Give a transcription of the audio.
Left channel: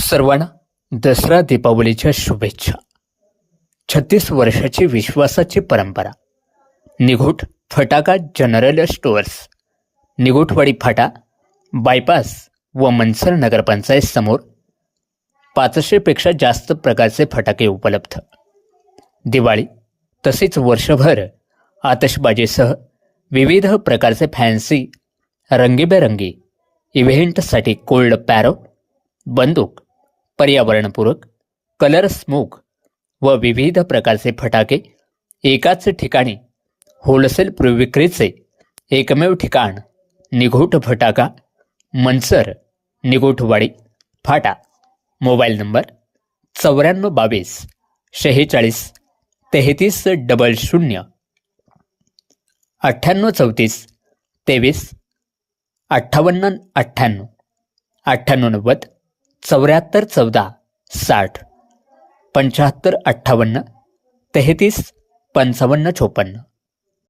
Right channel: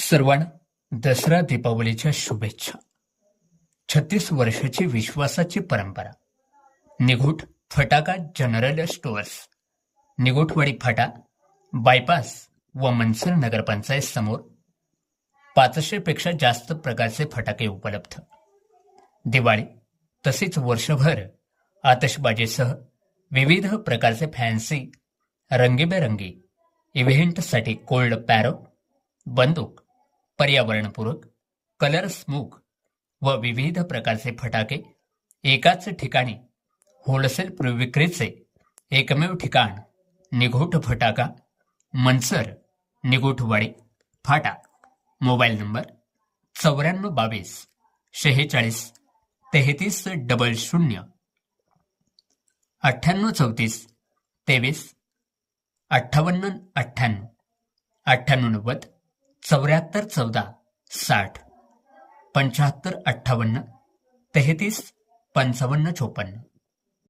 सर्वांना दसरा दीपावलीच्या शुभेच्छा. 36 वर्षाची विश्वासाची परंपरा. निघोट फटाका जनरल स्टोअर्स, निघोटवाडी फाटा, बायपास व मनसर नगरपंचायत समोर 500 पेक्षा जास्त प्रकारचे फटाके उपलब्ध. दिवाळी तसेच वर्षभर आतषबाजीसह विविध प्रकारचे फॅन्सी रंगीबेरंगी इव्हेंटसाठी कोल्ड पॅरो, बंदूक, पर्यावरणपूरक, कलर स्मोक व विविध प्रकारचे फटाके एकाच ठिकाणी होलसेल विक्रीचे एकमेव ठिकाण निघोट फटाका, मनसर, निघोटवाडी फाटा. Mobile number 9422 46 33 00, 9834 23 58 98, 9890 74 14 60, 75 58 33 55 54.